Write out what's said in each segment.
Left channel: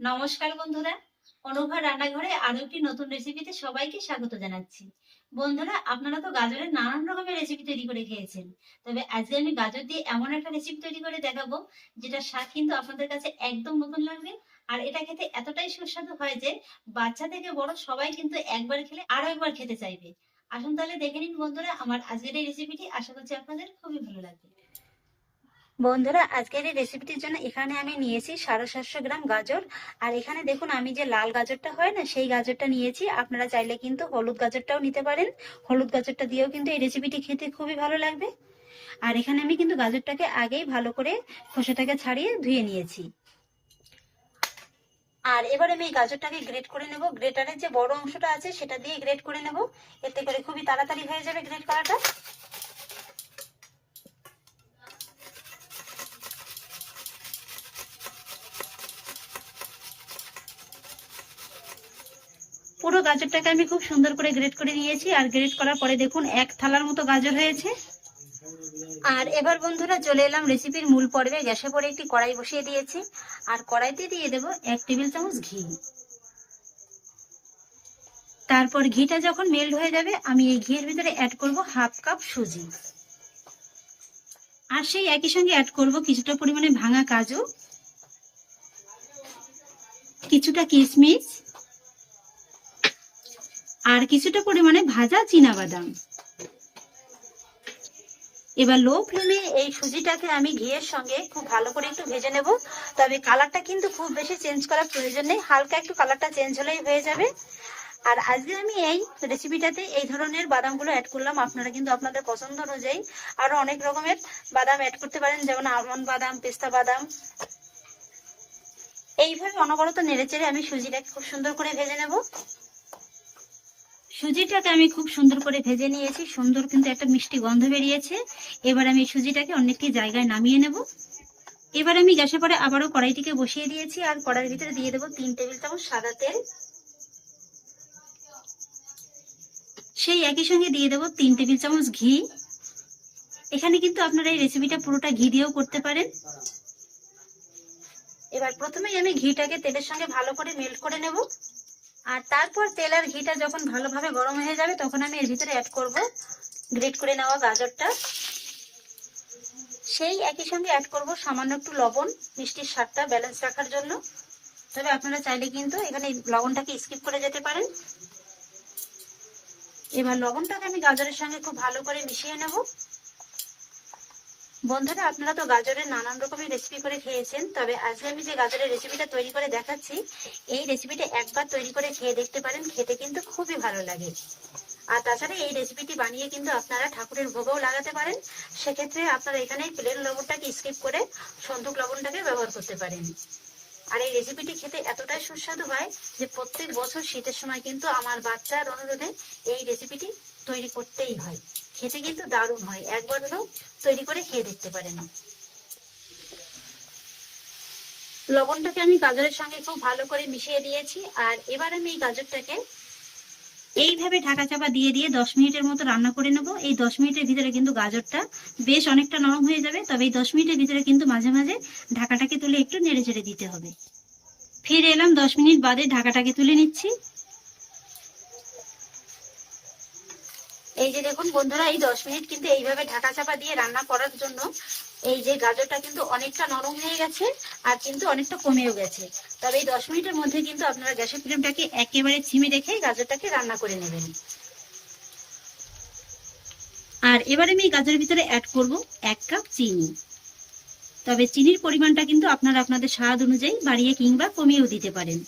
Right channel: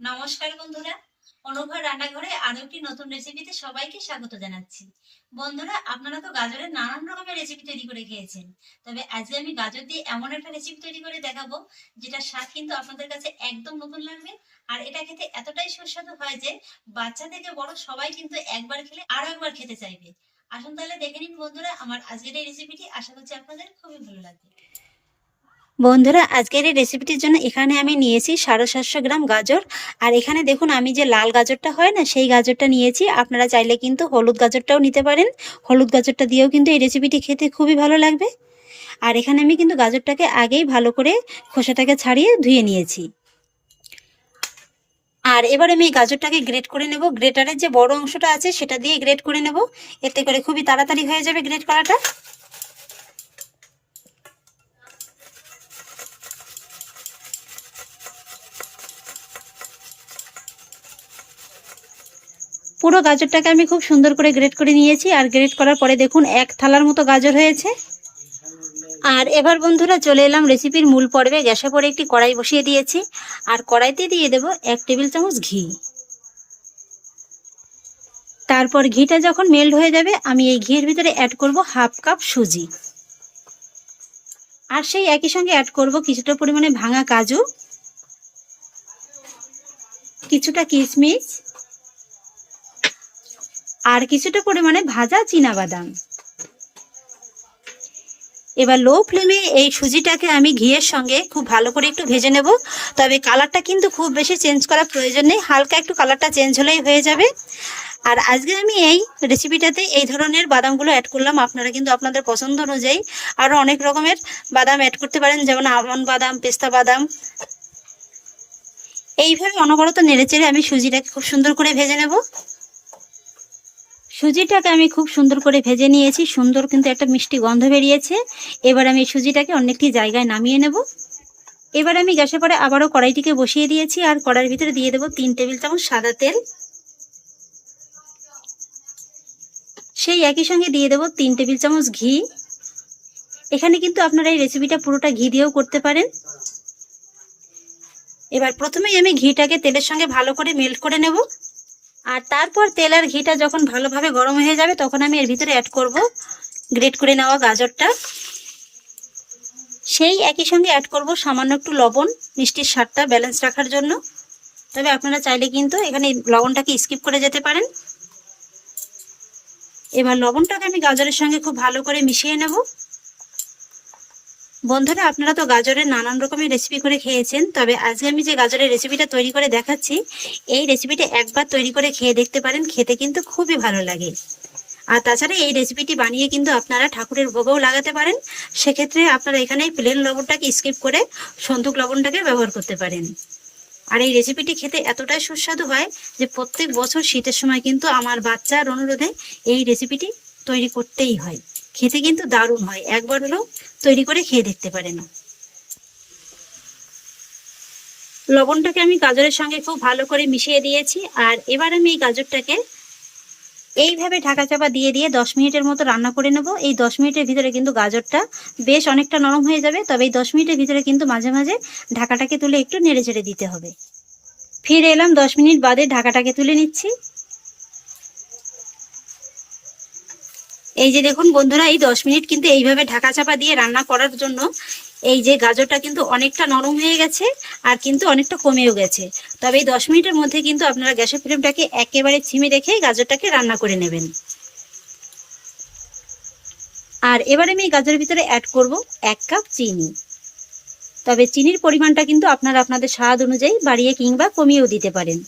নমস্কার বন্ধুরা, অনুভা রান্নাঘরে আরও একটি নতুন রেসিপিতে সবাইকে স্বাগত জানাচ্ছি। বন্ধুরা, আপনারা তো গাজরের নানান রকমের রেসিপি তৈরি করে খেয়েছেন। তবে আজকে আমি গাজর দিয়ে এমন একটা রেসিপি তৈরি করে দেখাবো যেটা স্বাদ কিন্তু আপনাদের কাছে একদম নতুন লাগবে। আর এটা খেতে এতটাই সুস্বাদু হয় যে, বাচ্চা থেকে বড় সবাই কিন্তু একবার খেলে আরও একবার খেতে চাইবে। আসুন তাহলে দেখে নিন বন্ধুরা, আমার আজকের এই রেসিপিটি আশা করছি আপনাদের খুবই ভালো লাগবে। বন্ধুরা, আজকের এই রেসিপিটির জন্য এখানে আমি নিয়েছি সাড়ে সাতশো গ্রাম গাজর। আর এখানে দেখুন, আমি যে লাল গাজরটা হয় না, সেই গাজরটা নিয়েছি। আপনারা চাইলে কিন্তু হলুদ গাজরটাও নিতে পারেন। হলুদ গাজরটা দিয়েও কিন্তু এই রেসিপিটি খেতে খুবই ভালো লাগবে। আর এখানে আমি কিন্তু গাজরটাকে আগেই ভালো করে খোসাটাকে ছাড়িয়ে ধুয়ে নিয়েছি। আর এবার আমি এই গাজরটাকে গ্রেট করে নেব। গ্রেটারের যে বড় অংশটা আছে, সেটা দিয়ে গ্রেট করে নেব। এতে করে খুবই তাড়াতাড়ি হয়ে যাবে গ্রেট করাটা। পুরো গাজরটাকে আমি খুব সুন্দর করে গ্রেট করে নিয়েছি। আর গ্রেট করার পরে দেখুন, এক থালার মতো গাজর হয়েছে। আর এবার বন্ধুরা, চলে এলাম রেসিপির মূল পর্বে। গ্যাসে পরে একটি কড়াই বসিয়ে দিয়েছি। আর কড়াইতে দিয়ে দেব এক টেবিল চামচ ঘি। তারপর ঘিটা যখন মেল্ট হয়ে যাবে, আমি এই ঘিয়ের ভিতরে অ্যাড করব হাফ কাপ সুজি। আর সেই একই সঙ্গে অ্যাড করব কিছুটা পরিমাণে ভাঙা কাজু, কিছুটা কিশমিশ আর কিছুটা পরিমাণে ভাজা বাদাম এবার লো ফ্লেমে এই সুজিটাকে আমি ঘিয়ের সঙ্গে খুব ভালো করে একটু ভেজে নেব। তবে কালারটা কিন্তু খুব বেশি চেঞ্জ করার প্রয়োজন নেই, হালকা একটু কালারটা চেঞ্জ হলেই হয়ে যাবে। আর আজকে আমি এই রেসিপিটাতে এই ধরনের বাদামগুলো অ্যাড করলাম। আপনারা কিন্তু আপনাদের পছন্দ অনুযায়ী আরও অনেক রকমের বাদাম অ্যাড করতে পারেন, যেমন আমন বাদাম, পেস্তা বাদাম। এইভাবে অনবরত নেড়েচেড়ে আমি সুজিটাকে খুব সুন্দর করে ভেজে নেব। সুজিটাকে আমি খুব সুন্দর করে ভেজে নিয়েছি। সুন্দর কিন্তু একটা মিষ্টি গন্ধ বেরিয়েছে। এবার আমি সুজিটাকে অনেকটি জায়গায় নামিয়ে নেব। এবার আমি গ্যাসে পরে আবারও কড়াইটিকে বসিয়ে দিয়েছি আর কড়াইয়ের ভিতরে দিয়ে দেবো তিন টেবিল চামচ সাদা তেল। সেই একই সঙ্গে দিয়ে দেবো তিন টেবিল চামচ ঘি। এখানে কিন্তু আপনারা এই রেসিপিটা পুরোটা ঘি দিয়েও করতে পারেন। এবার প্রথমেই আমি ঘিটাকে তেলের সঙ্গে ভালো করে মেল্ট করে নেব। আর তারপর তেল আর ঘিটা যখন ভালোভাবে গরম হয়ে যাবে, তখন আমি এর ভিতরে অ্যাড করব গ্রেট করে নেওয়া গাজরটা। সেই একই সঙ্গে অ্যাড করব সামান্য একটু লবণ, মিষ্টির স্বাদটা ব্যালেন্স রাখার জন্য। তবে আপনারা চাইলে কিন্তু এখানে লবণটাকে স্কিপ করে যেতে পারেন। এবার লবণটাকে আমি গাজরের সঙ্গে খুব ভালো করে মিশিয়ে নেব। বন্ধুরা, আপনারা তো গাজরের নানান রকমের রেসিপি করে খেয়েছেন, তবে আজকে আমি যে গাজরের রেসিপিটা তৈরি করে দেখাচ্ছি, এই রেসিপিটা একবার তৈরি করে খেয়ে দেখতে পারেন, খেতে কিন্তু খুবই ভালো লাগে। আর তাছাড়া এই রেসিপিটি বানিয়ে কিন্তু আপনারা ঠাকুরের ভোগও লাগাতে পারেন, সেক্ষেত্রে আপনারা এখানে প্লেন লবণটাকে স্কিপ করে সন্দুক লবণটাকে ব্যবহার করতে পারেন। আর এই রেসিপিটি খেতে এতটাই সুস্বাদু হয় যে প্রত্যেক বছর শীতের সময় কিন্তু আমার বাচ্চার অনুরোধে এই রেসিপিটি তৈরি করতেই হয়। খেতে কিন্তু দারুণ হয়। একবার হলেও তৈরি করে খেয়ে দেখতে পারেন। লবণটাকে আমি গাজরের সঙ্গে খুব ভালো করে মিশিয়ে দিয়েছি। আর এবার আমি এই গাজরটাকে এইভাবে ঢাকা চাপা দিয়ে দিয়ে দশ মিনিটের মতো রান্না করে নেব। এই দশ মিনিটের ভিতরে কিন্তু গাজরটা বেশ অনেকটা নরম হয়ে যাবে। তবে এই দশ মিনিটের ভিতরে কিন্তু মাঝে মাঝে ঢাকাটাকে তুলে একটু নেড়ে চেড়ে দিতে হবে। ফিরে এলাম দশ মিনিট বাদে ঢাকাটাকে তুলে নিচ্ছি। এই যে দেখুন বন্ধুরা, এই দশ মিনিট কিন্তু এইভাবে ঢাকা চাপা দিয়ে রান্না করার জন্য এই যে গাজরটা কিন্তু অনেকটা নরম হয়ে গেছে আর কিন্তু অনেকটা কমেও গেছে। তবে এই দশ মিনিটের মধ্যে কিন্তু আপনারা গ্যাসের ফ্লেমটাকে একেবারে ছিমে রেখে গাজরটাকে রান্না করে নেবেন। আর এবারে আমি গাজরের ভিতরে অ্যাড করব এক কাপ চিনি। তবে চিনির পরিমাণটা কিন্তু আপনারা আপনাদের স্বাদ অনুযায়ী বাড়িয়ে কিংবা কমিয়েও দিতে পারেন।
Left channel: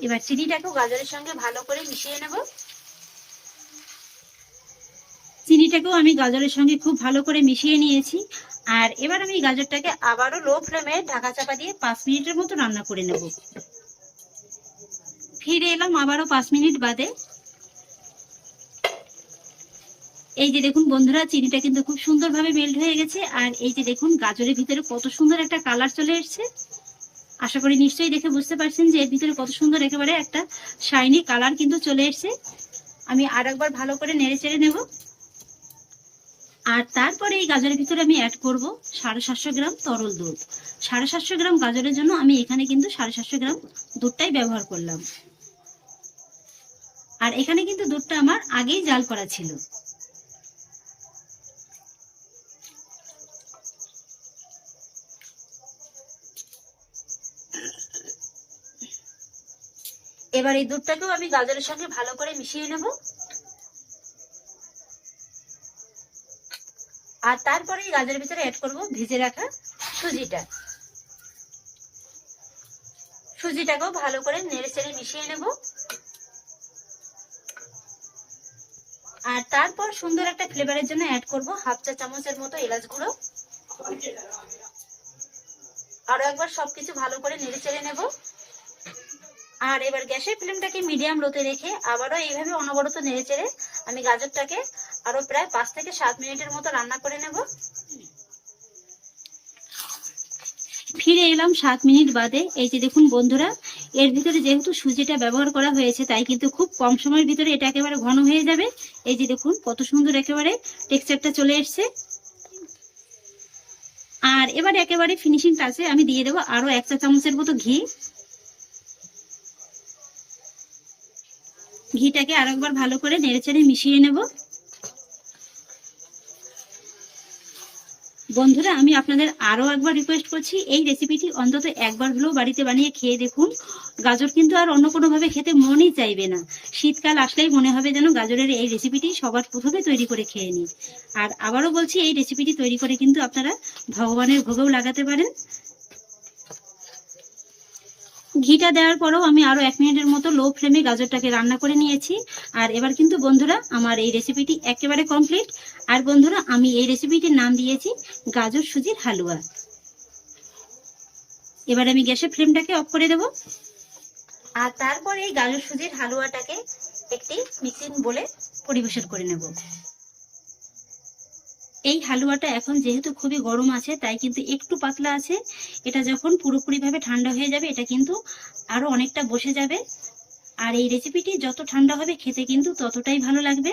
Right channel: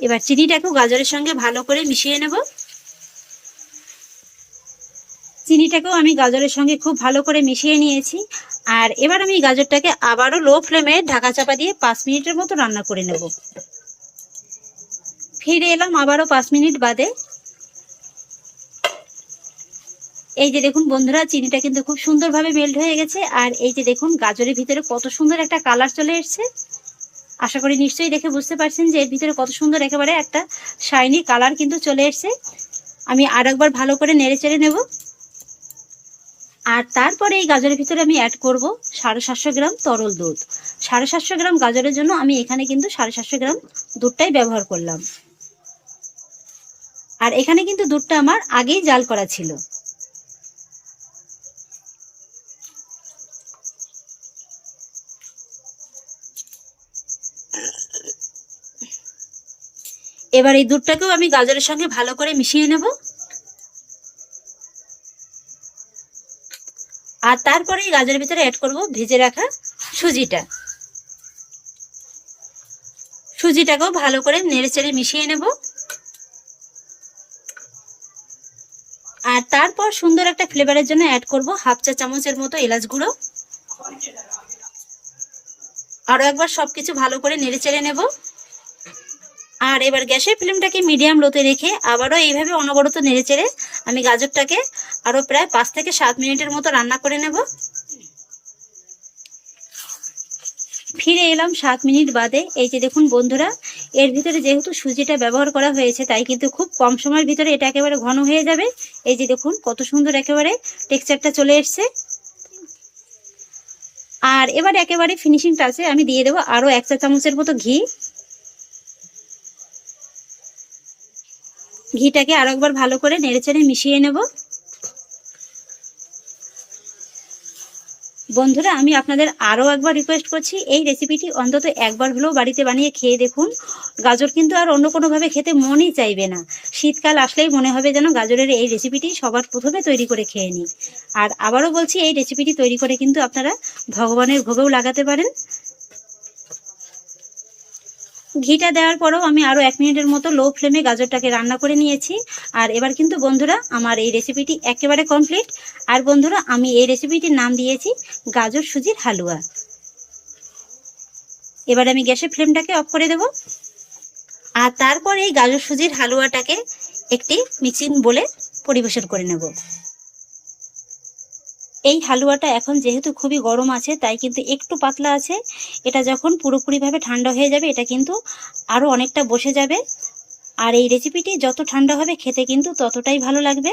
এবার চিনিটাকেও গাজরের সঙ্গে ভালো করে মিশিয়ে নেব। চিনিটাকেও আমি গাজরের সঙ্গে খুব ভালো করে মিশিয়ে নিয়েছি। আর এবার আমি গাজরটাকে আবারও লো ফ্লেমে ঢাকা চাপা দিয়ে পাঁচ মিনিটের মতো রান্না করে নেব। ফিরে এলাম আবারও পাঁচ মিনিট বাদে। এই যে দেখুন বন্ধুরা, চিনিটা কিন্তু খুব সুন্দরভাবে মেল্ট হয়ে গেছে। আর এই যে দেখুন, গাজরের ভিতরে কত সুন্দর একটা কালার চলে এসছে। আশা করি নিশ্চয়ই দেখে বুঝতে পারছেন যে এর ভিতরে কত সুন্দর একেবারে একটা শাইনি কালার কিন্তু চলে এসছে। আমি আর একবার ভালো করে নেড়ে চেড়ে নেব। আর তারপরে এই গাজরের ভিতরে আমি অ্যাড করব সাড়ে সাতশো গ্রাম তরল দুধ। সাড়ে সাতশো গ্রাম গাজরের জন্য আমি এখানে কিন্তু সাড়ে সাতশো গ্রাম দুধটাই ব্যবহার করলাম। আর এখানে কিন্তু দুধটা আমার আগেই জাল করা ছিল। এবার এই দুধটাকেও আমি গাজরের সঙ্গে ভালো করে মিশিয়ে নেব। আর তারপরে এই গাজরের ভিতরে অ্যাড করব ভেজে রাখা সুজিটা। সুজিটাকেও ভালো করে নেড়ে চেড়ে মিশিয়ে নেব। আর তারপর সুন্দর একটা ফ্লেভারের জন্য অ্যাড করব হাফ চা চামচের মতো এলাচ গুঁড়ো। আরও একবার সবকিছু ভালো করে নেড়ে চেড়ে নেব। আর এবার গ্যাসের ফ্লেমটাকে মিডিয়াম লোতে রেখে আবারও এইভাবে অনবরত নেড়ে চেড়ে আমি গাজরটাকে আরও প্রায় পাঁচ থেকে সাত মিনিটের মতো রান্না করে নেব। ফিরে এলাম সাত মিনিট বাদে। এই যে দেখুন বন্ধুরা, এর ভিতরে যেহেতু সুজিটা ব্যবহার করা হয়েছে, তাই কিন্তু খুব কম সময়ের ভিতরে এটা একেবারে ঘন হয়ে যাবে। এই যে দেখুন, কত সুন্দর একেবারে টেক্সচারটা চলে এসছে। আর এবার একেবারে ফিনিশিং টাচে আমি দিয়ে দেবো আরও এক চা চামচের মতো ঘি। ঘিটাকে আরও একবার ভালো করে নেড়েচেড়ে মিশিয়ে নেব। বন্ধুরা, আমি আপনাদের আরও একবার রিকোয়েস্ট করছি, এই রেসিপিটি অন্তত একবার হলেও বাড়িতে বানিয়ে খেয়ে দেখুন। গাজর কিন্তু আর অন্য কোনোভাবে খেতে মনই চাইবে না। শীতকাল আসলেই মনে হবে যেন গাজরের এই রেসিপিটি সবার প্রথমে তৈরি করে খেয়ে নিই। আর আবারও বলছি, এই রেসিপিটি তৈরি করে কিন্তু আপনারা ভগবানের ভোগেও লাগাতে পারেন। ঘিটা দেওয়ার পরেও আমি আরও এক মিনিটের মতো লো ফ্লেমে গাজরটাকে রান্না করে নিয়েছি। আর এবার কিন্তু বন্ধুরা, আমার এই রেসিপিটি একেবারে কমপ্লিট আর বন্ধুরা, আমি এই রেসিপিটির নাম দিয়েছি, গাজর সুজির হালুয়া। এবার আমি গ্যাসের ফ্লেমটাকে অফ করে দেব। আর তারপর এই গাজর সুজির হালুয়াটাকে একটি মিক্সিং বলে পরিবেশন করে নেব। এই হালুয়াটা এখন যেহেতু খুবই গরম আছে, তাই কিন্তু একটু পাতলা আছে। এটা যখন পুরোপুরিভাবে ঠান্ডা হয়ে যাবে, এটা কিন্তু আরও অনেকটা বসে যাবে। আর এই রেসিপিটি যত ঠান্ডা হবে, খেতে কিন্তু ততটাই ভালো লাগবে।